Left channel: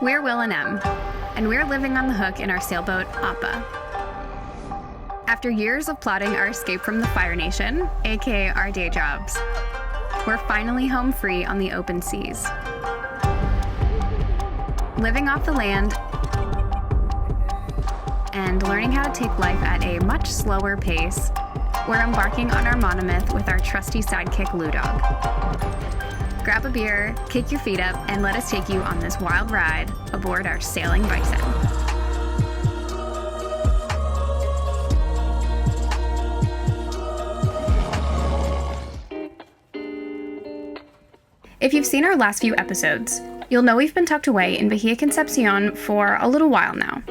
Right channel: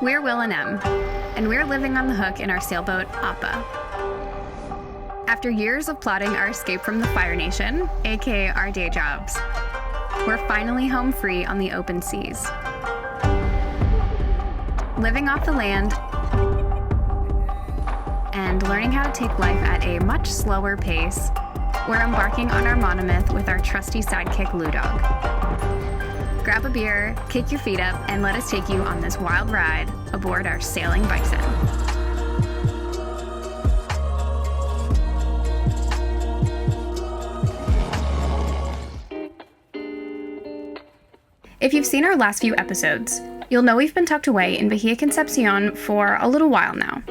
We're Will and Em, and we're living on the hook in our sailboat, Appa. After years of plotting our escape from the Fire Nation, aka our day jobs, we're finally home free on the open seas. Living off the land and learning how to take life at a much slower pace, we're embarking on our monomyth with our trusty sidekick, Ludog. Grab a beer, kick your feet up, and let us take you on this wild ride aboard our sailing bison. If you've seen our last few episodes, you'll know we've been tucked away in Bahia Concepcion for a little while now.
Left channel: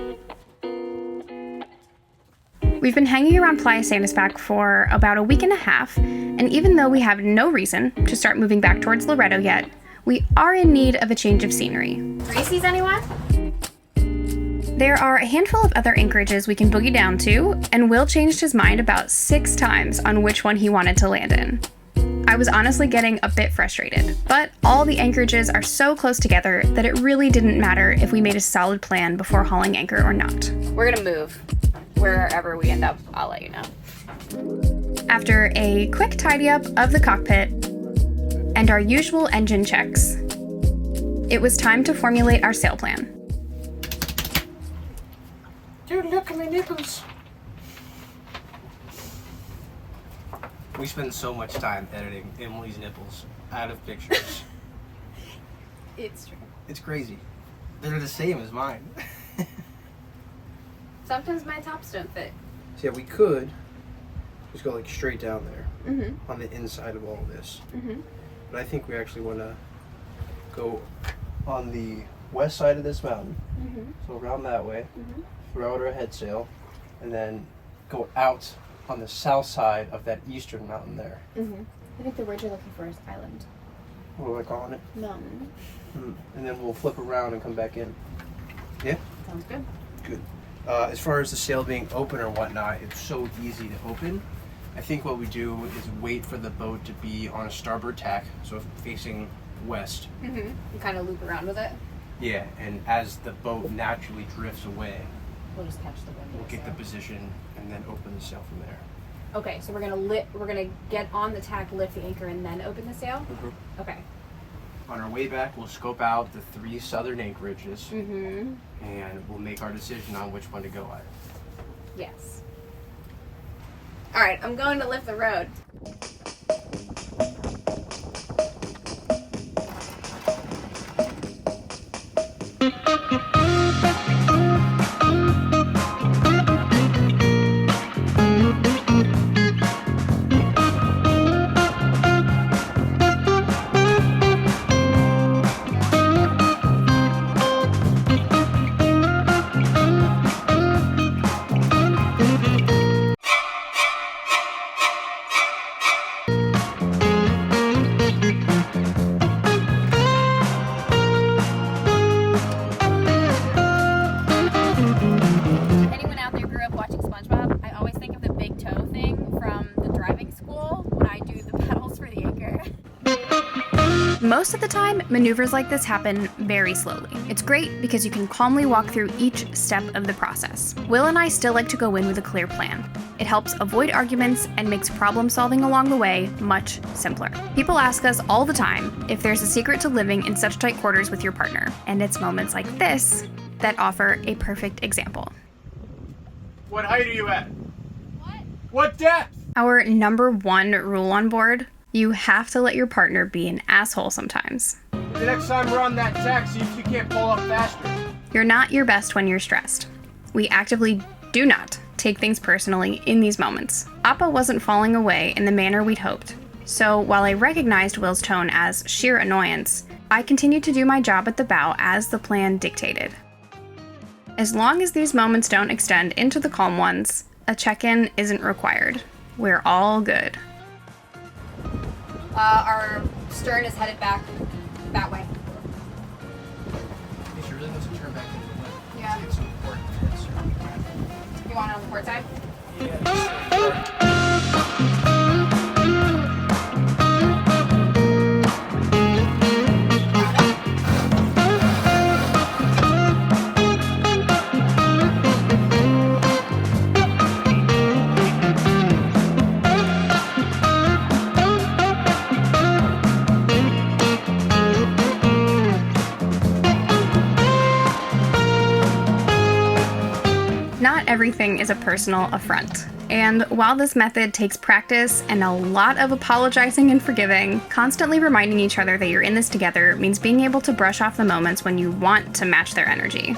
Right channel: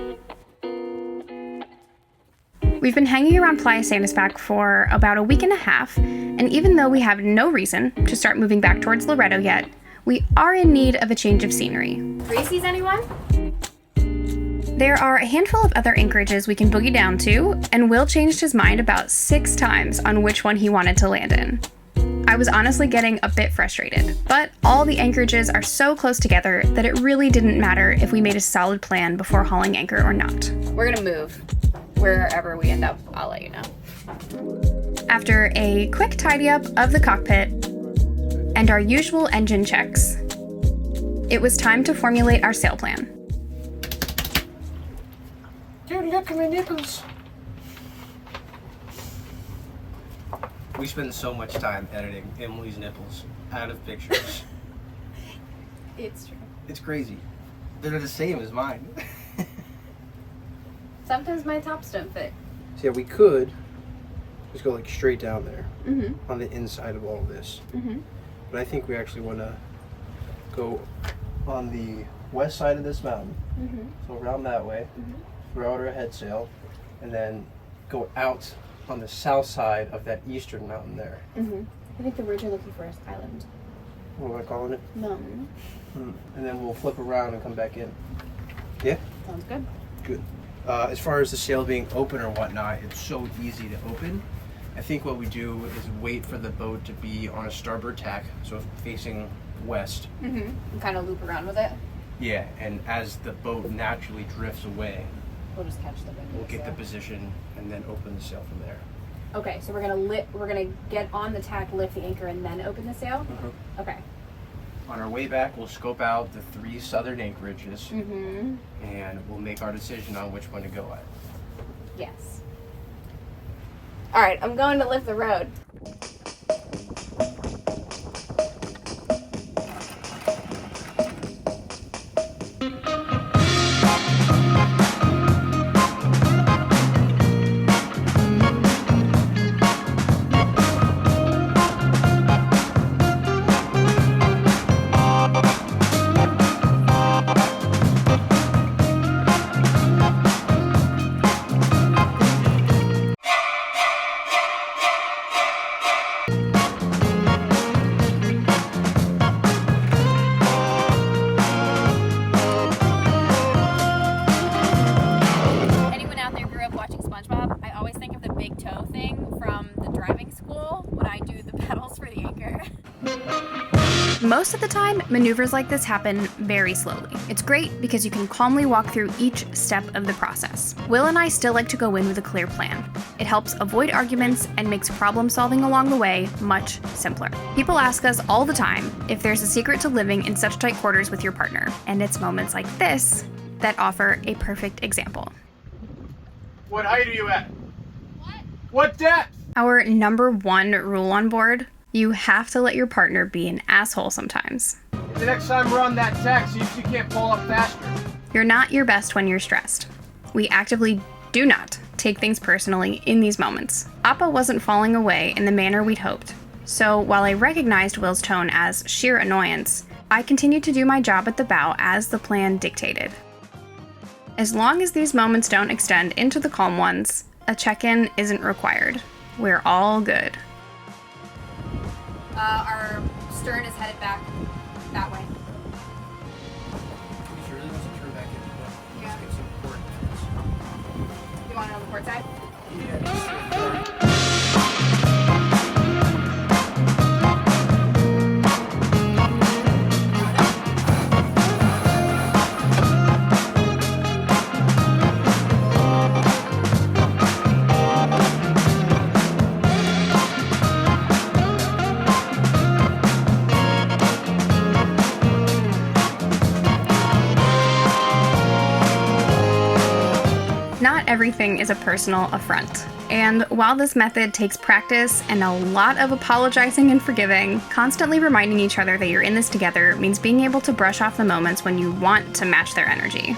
We've been hanging around Playa Sandispac for about a week and a half, and even though we have no reason to start moving back towards Loreto yet, we are in need of a change of scenery. Gracie's, anyone? There are a handful of other anchorages we can boogie down to, and Will changed his mind about 6 times on which one he wanted to land in. I was honestly getting a bit frustrated, but all the anchorages are so close together that it really didn't matter if we made a solid plan before hauling anchor or not. We're gonna move. Wherever we end up, I'll let you know. After a quick tidy up of the cockpit and our usual engine checks, it was time to formulate our sail plan. Dude, look at my nipples. We spend so much time editing Emily's nipples out of pictures. It's true. It's crazy. They're the same as mine. Sometimes my tops don't fit. So yeah, we could just go like straight down there Mm-hmm. on the inside of all of this. Mm-hmm. But I think we actually want to go on the west side of this mountain. Mm-hmm. So around that way, Mm-hmm. throw out our head sail, and then go out on the south side of that eastern mountain there. Mm-hmm. I think the word you're looking for is island. What am I calling it? Mountain. And then we'll flip around and come back in. Yeah? Sounds good. Good. As far as the sail being open or whatnot, it's so easy to open. I think what we do is wait for the boat to be on a starboard tack, so facing west. Mm-hmm. And kind of loop around with it. Yeah, and as the boat naturally drifts away, We'll just catch the wind. we'll get the position and then open the sail from there. Okay, so we're gonna get on the tack, lift the anchor, and then open the sail. Mm-hmm. Okay. On our way back, we'll scope out the 3 southern anchorages, Mm-hmm. and we'll make our decision on which one to go at. Yes. All right, I'm going to lift the road. Most of the time, maneuvers like this happen very slowly. It's great because you can calmly walk through each step of the process. Will and I still like to go in with a clear plan. It helps avoid arguments and makes problem solving along the way much simpler. People ask us all the time if there's a secret to living in such tight quarters with your partner, and it's moments like this that offer a perfect example. What height are you at? What depth? Our number 1 rule on board: you have to let your partner be an asshole sometimes. The next time we're on that tack, see if you can't pull up faster. You're not your best when you're stressed. We actively do not take things personally in these moments. Appa wasn't falling away in the manner we'd hoped, so while I recognized Will's tone as sheer annoyance, I continued to do my job at the bow as the plan dictated. As long as these moments don't extend into the calm ones, a check-in isn't required. We're all good. Our stern is headed back that way. She really wants to turn back in. Yeah. It's important for this. You want it on the port side? Yeah. everything is a personal affront. And while this method takes practice and a lot of apologizing and forgiving, constantly reminding each other that you're in this together means being able to brush off the moments when you want to match their energy.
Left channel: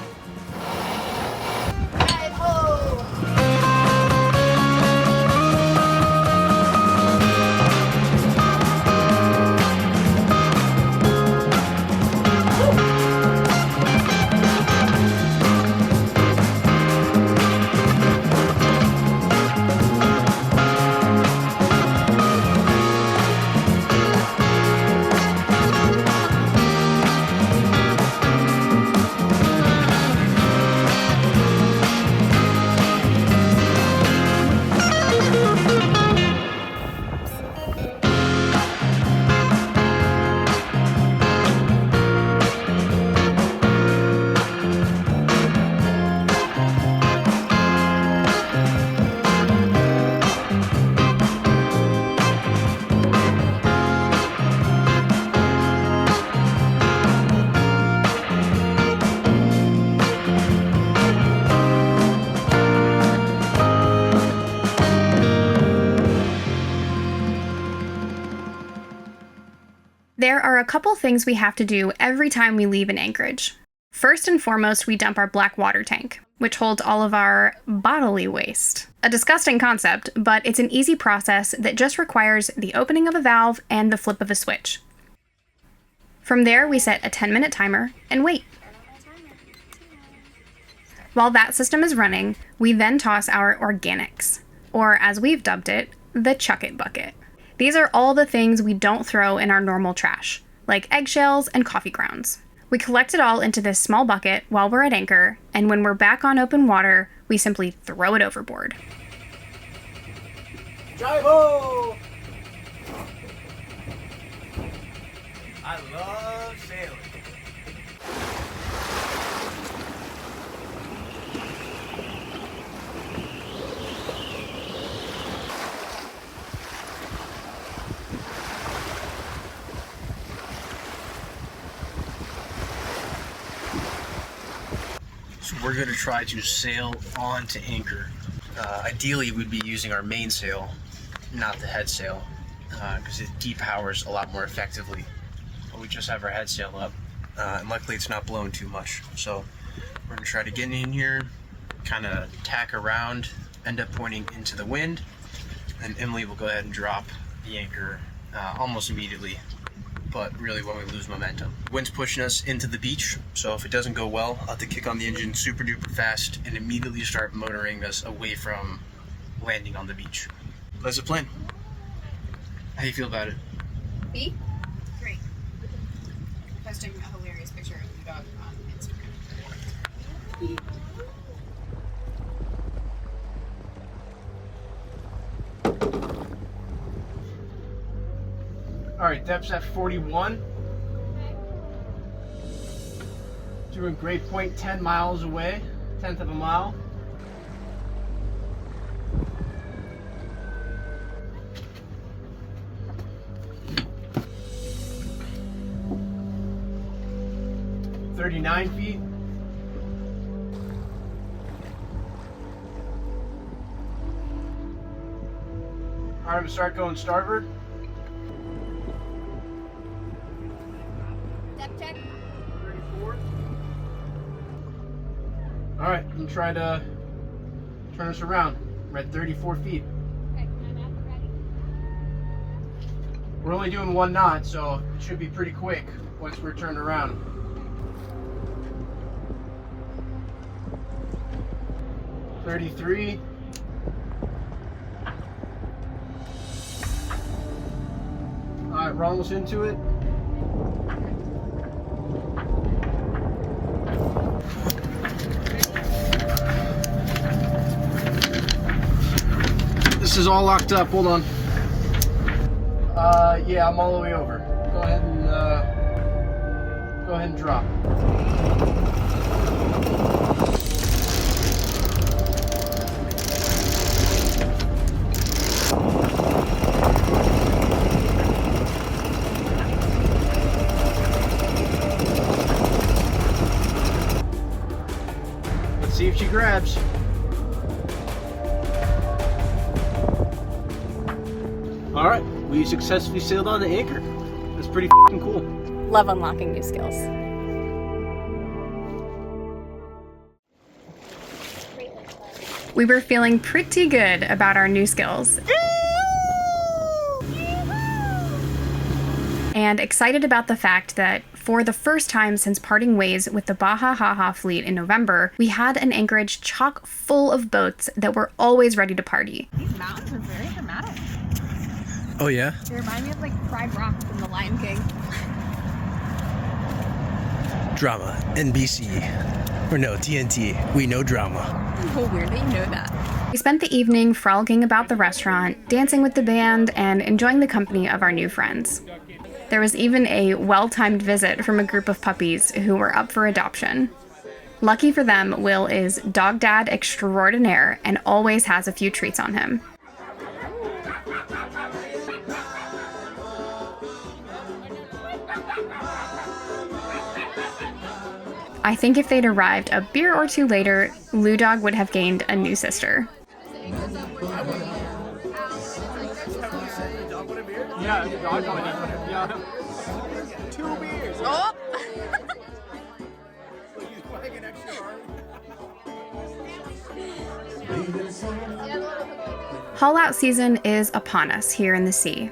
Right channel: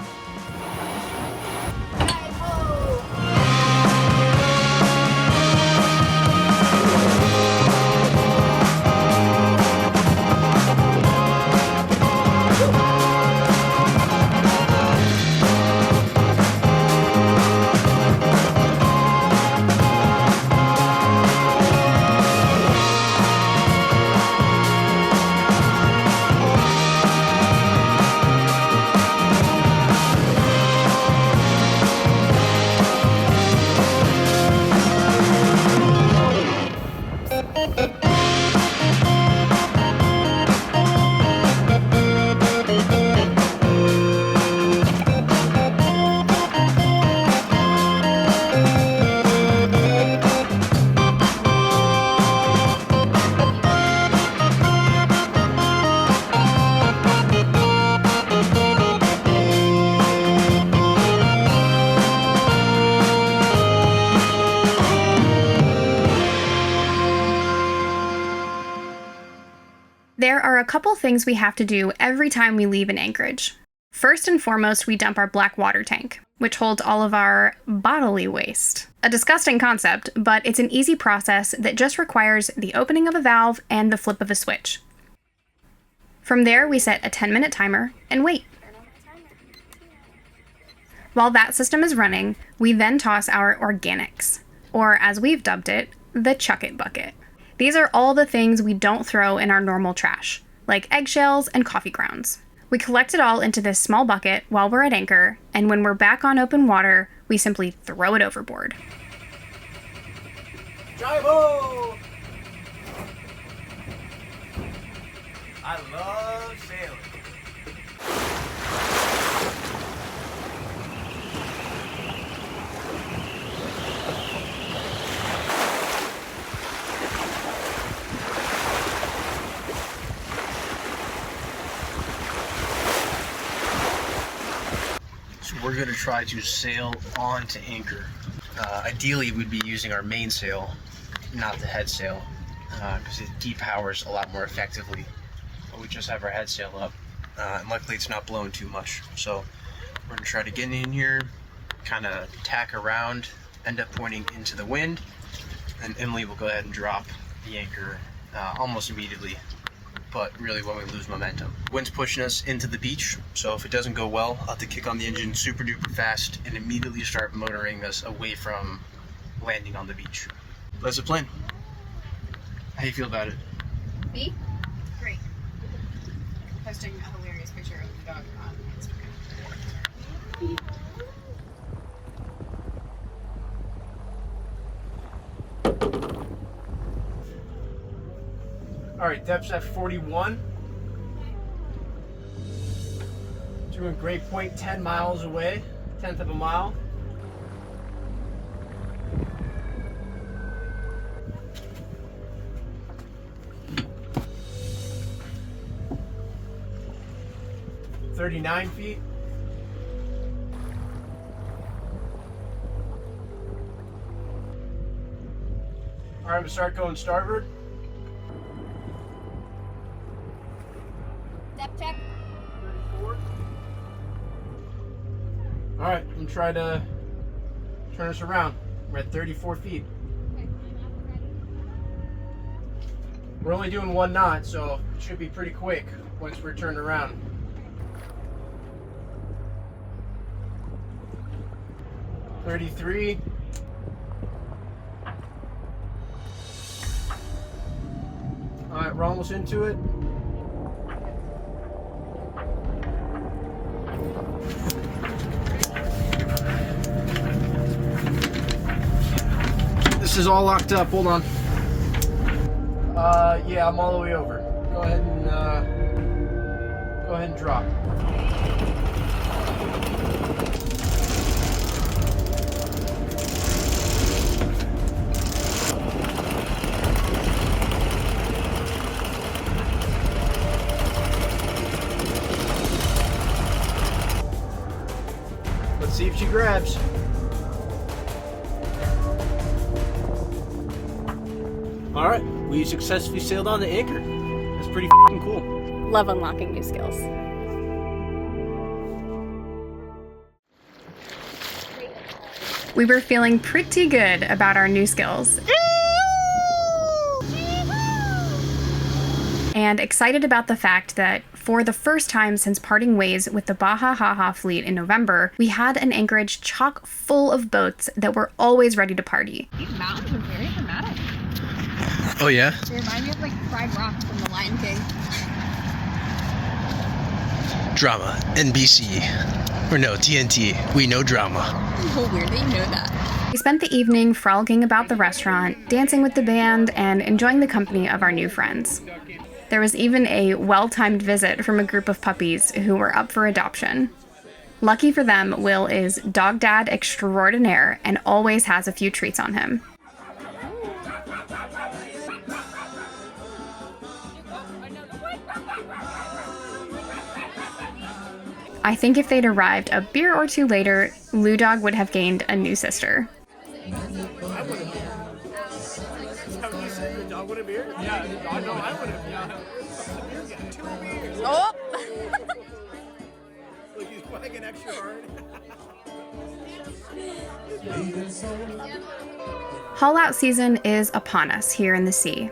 There are a couple things we have to do every time we leave an anchorage. First and foremost, we dump our black water tank, which holds all of our bodily waste. A disgusting concept, but it's an easy process that just requires the opening of a valve and the flip of a switch. From there, we set a 10-minute timer and wait. While that system is running, we then toss our organics, or as we've dubbed it, the chuck it bucket. These are all the things we don't throw in our normal trash, like eggshells and coffee grounds. We collect it all into this small bucket while we're at anchor, and when we're back on open water, we simply throw it overboard. Drive-o! I love sailing. So we're going to try to sail on to anchor. Ideally, we'd be using our mainsail, not the head sail, because it depowers a lot more effectively. But we just have our head sail up, and luckily it's not blowing too much. So we're going to try to get in here, kind of tack around, end up pointing into the wind, and Emily will go ahead and drop the anchor almost immediately. But really when we lose momentum. Wind's pushing us into the beach, so if it doesn't go well, I'll have to kick on the engine super duper fast and immediately start motoring us away from landing on the beach. That's the plan. How do you feel about it? Me? Great. Posting a hilarious picture of the dog on Instagram. All right, depth's at 41. Doing great point, 10 miles away, 1/10 of a mile. "39 feet. All right, to start going starboard. Depth check. 34. All right, I'm gonna try to turn us around. We're at 34 feet. Okay, ready. We're only doing 1 knot, so it should be pretty quick once we're turned around. 33. All right, we're almost into it. This is all locked up. Hold on. Yeah, I'm all the way over. Go ahead and drop. Let's see if she grabs. we successfully sailed on the anchor. It's pretty f***ing cool. Love unlocking new skills. We were feeling pretty good about our new skills. And excited about the fact that for the first time since parting ways with the Bahia fleet in November, we had an anchorage chock full of boats that were always ready to party. These mountains are very dramatic. Oh yeah? They remind me of like Pride Rock from The Lion King. Drama, NBC. Or no, TNT. We know drama. Oh, weird that you know that. We spent the evening frolicking about the restaurant, dancing with the band, and enjoying the company of our new friends. There was even a well-timed visit from a group of puppies who were up for adoption. Lucky for them, Will is dog dad extraordinaire and always has a few treats on him. I think if they'd arrived a beer or two later, Ludog would have gained a new sister. I want a beer. Have you said the dog want a beer? Yeah, the dog. No, I want a beer. 2 beers. Oh! Look, he's wagging extra hard. Haul-out season is upon us here in the sea.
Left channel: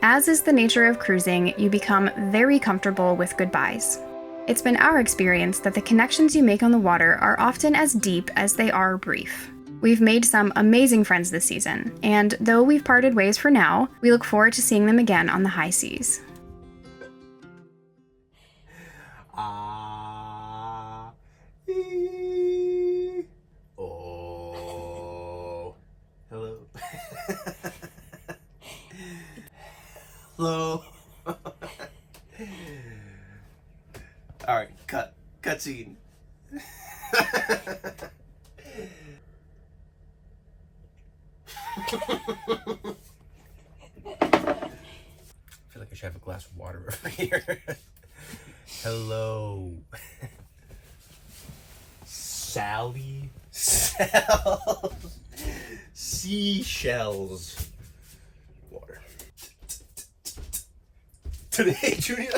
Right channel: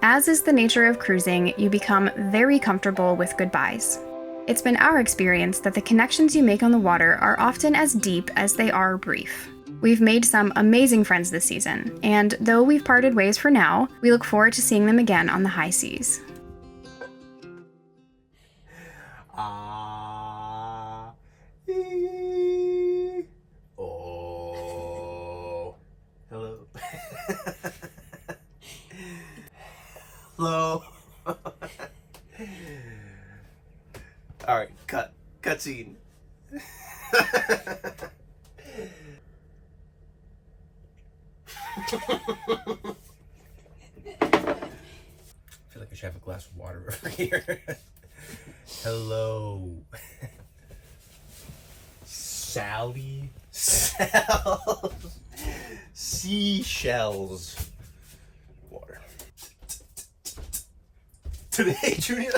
As is the nature of cruising, you become very comfortable with goodbyes. It's been our experience that the connections you make on the water are often as deep as they are brief. We've made some amazing friends this season, and though we've parted ways for now, we look forward to seeing them again on the high seas. Oh. Hello. Hello. All right, cutscene. I feel like I should have a glass of water over here. Hello. Sally Cells. Seashells. Water. Today, Julia.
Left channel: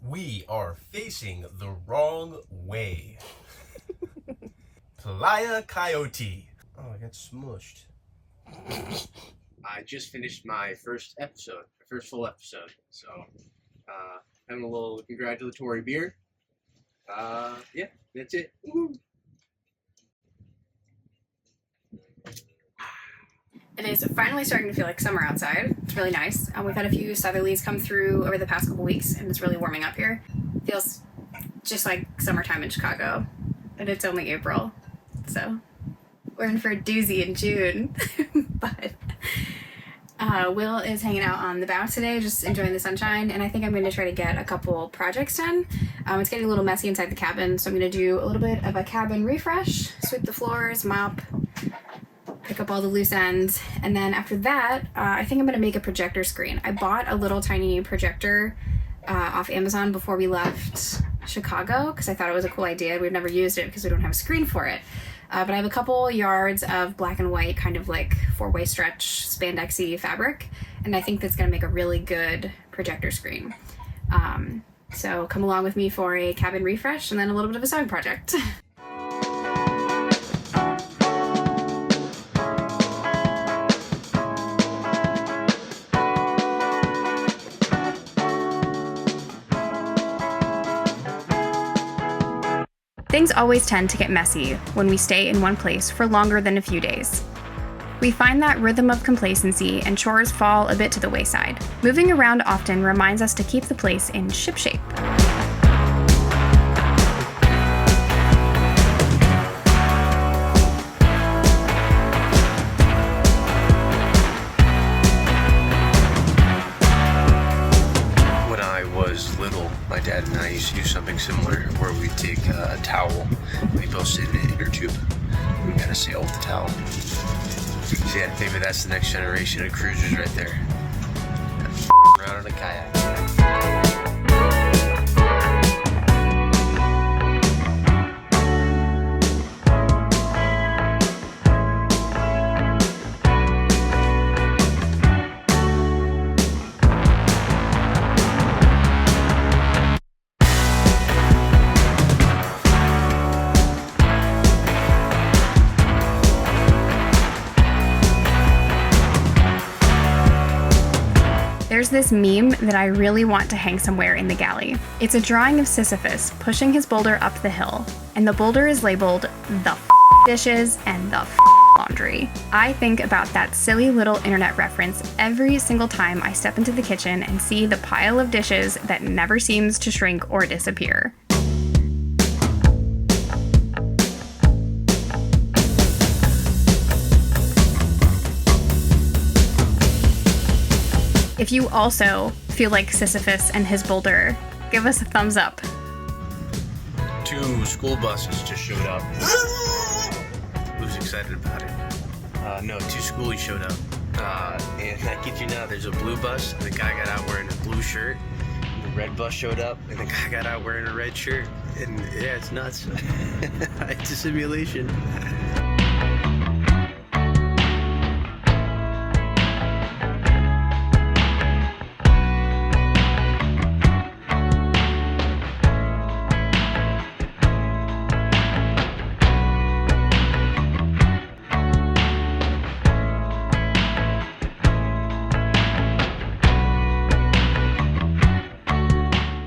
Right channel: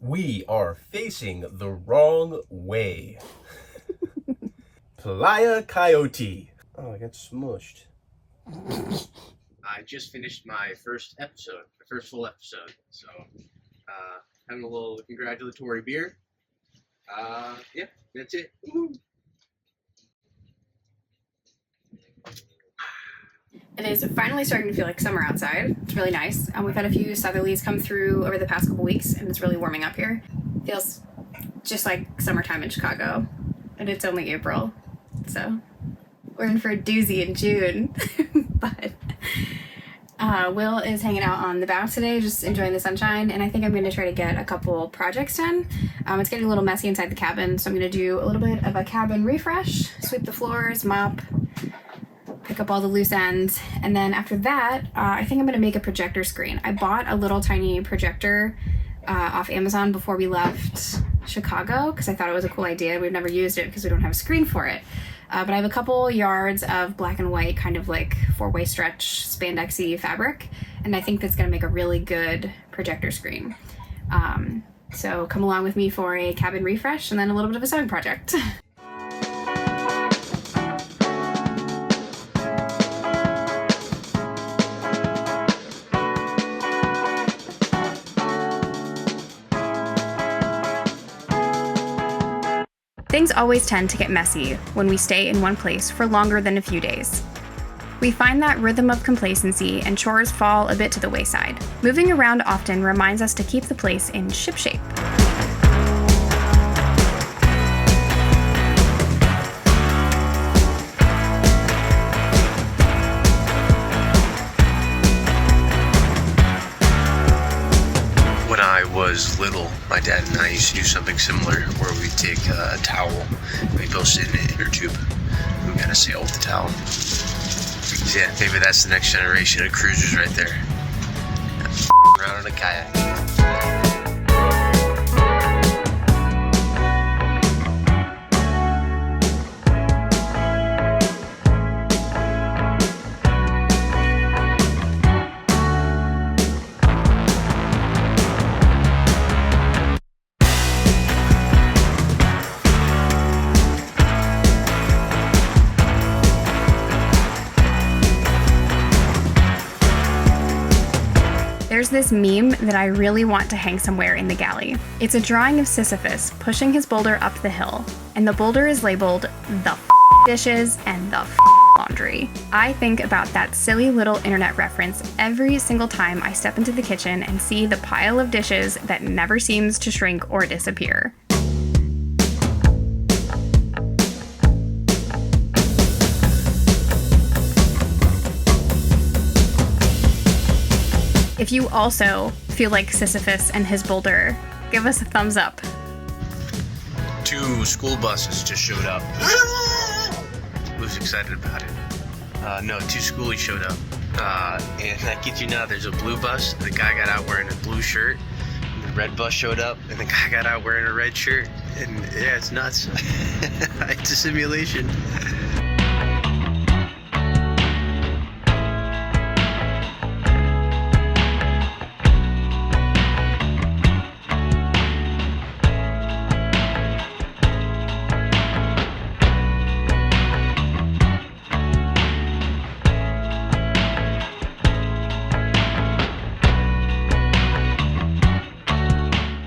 We are facing the wrong way. Playa Coyote. Oh, I got smushed. I just finished my first full episode. So, having a little congratulatory beer. Yeah, that's it. Woo-hoo. It is finally starting to feel like summer outside. It's really nice. We've had a few southerlies come through over the past couple weeks, and it's really warming up here. Feels just like summertime in Chicago, and it's only April, so we're in for a doozy in June. But Will is hanging out on the bow today, just enjoying the sunshine, and I think I'm going to try to get a couple projects done. It's getting a little messy inside the cabin, so I'm going to do a little bit of a cabin refresh, sweep the floors, mop, pick up all the loose ends, and then after that, I think I'm going to make a projector screen. I bought a little tiny projector off Amazon before we left Chicago because I thought it was a cool idea. We've never used it because we don't have a screen for it. But I have a couple yards of black and white kind of like 4-way stretch spandexy fabric, and I think that's going to make a really good projector screen. So come along with me for a cabin refresh and then a little bit of a sewing project. Things always tend to get messy when we stay in one place for longer than a few days. We find that rhythm of complacency and chores fall a bit to the wayside. Moving around often reminds us to keep the place in shipshape. When I was little, my dad and I used to do something similar where we'd take a towel and we'd post it in an inner tube. We kind of sail with the towel. Yeah, maybe that's the next generation of cruisers right there. Around on a kayak. There's this meme that I really want to hang somewhere in the galley. It's a drawing of Sisyphus pushing his boulder up the hill, and the boulder is labeled the dishes and the laundry. I think about that silly little internet reference every single time I step into the kitchen and see the pile of dishes that never seems to shrink or disappear. If you also feel like Sisyphus and his boulder, give us a thumbs up. 2 school buses just showed up. Who's excited about it? No, 2 schoolies showed up. And I kid you not, there's a blue bus. The guy got out wearing a blue shirt. And the red bus showed up, and the guy got out wearing a red shirt. And yeah, it's nuts. It's a simulation.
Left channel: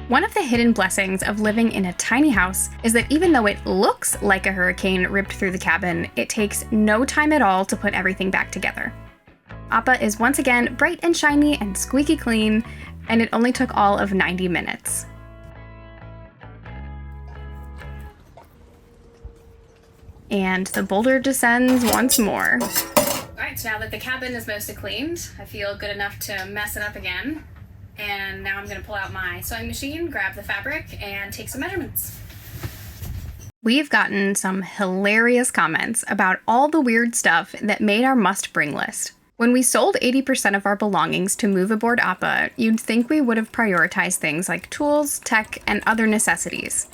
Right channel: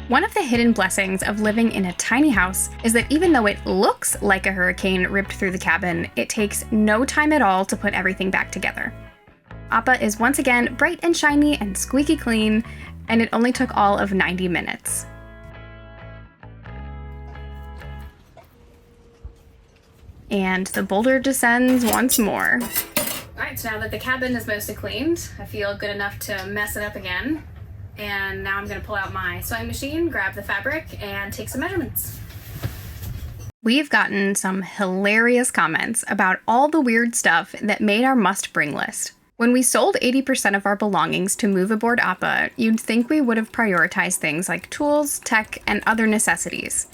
One of the hidden blessings of living in a tiny house is that even though it looks like a hurricane ripped through the cabin, it takes no time at all to put everything back together. Appa is once again bright and shiny and squeaky clean, and it only took all of 90 minutes. And the boulder descends once more. Alright, so now that the cabin is mostly cleaned, I feel good enough to mess it up again. And now I'm going to pull out my sewing machine, grab the fabric, and take some measurements. We've gotten some hilarious comments about all the weird stuff that made our must-bring list. When we sold 80% of our belongings to move aboard Appa, you'd think we would have prioritized things like tools, tech, and other necessities.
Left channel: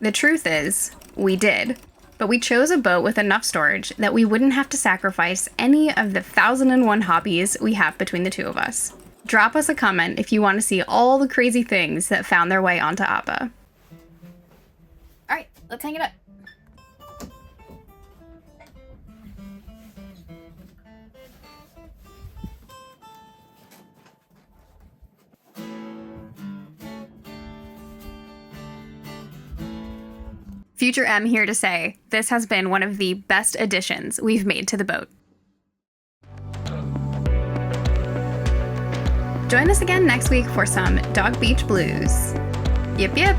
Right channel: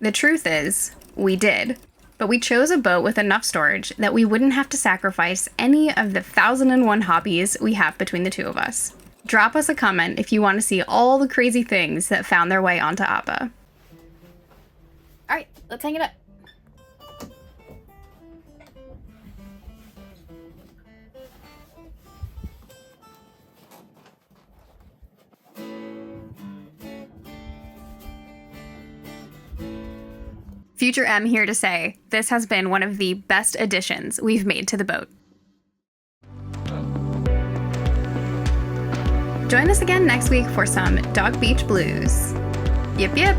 The truth is, we did. But we chose a boat with enough storage that we wouldn't have to sacrifice any of the 1,001 hobbies we have between the two of us. Drop us a comment if you want to see all the crazy things that found their way onto Appa. Alright, let's hang it up. Future M here to say, this has been one of the best additions we've made to the boat. Join us again next week for some Dog Beach Blues. Yip yip!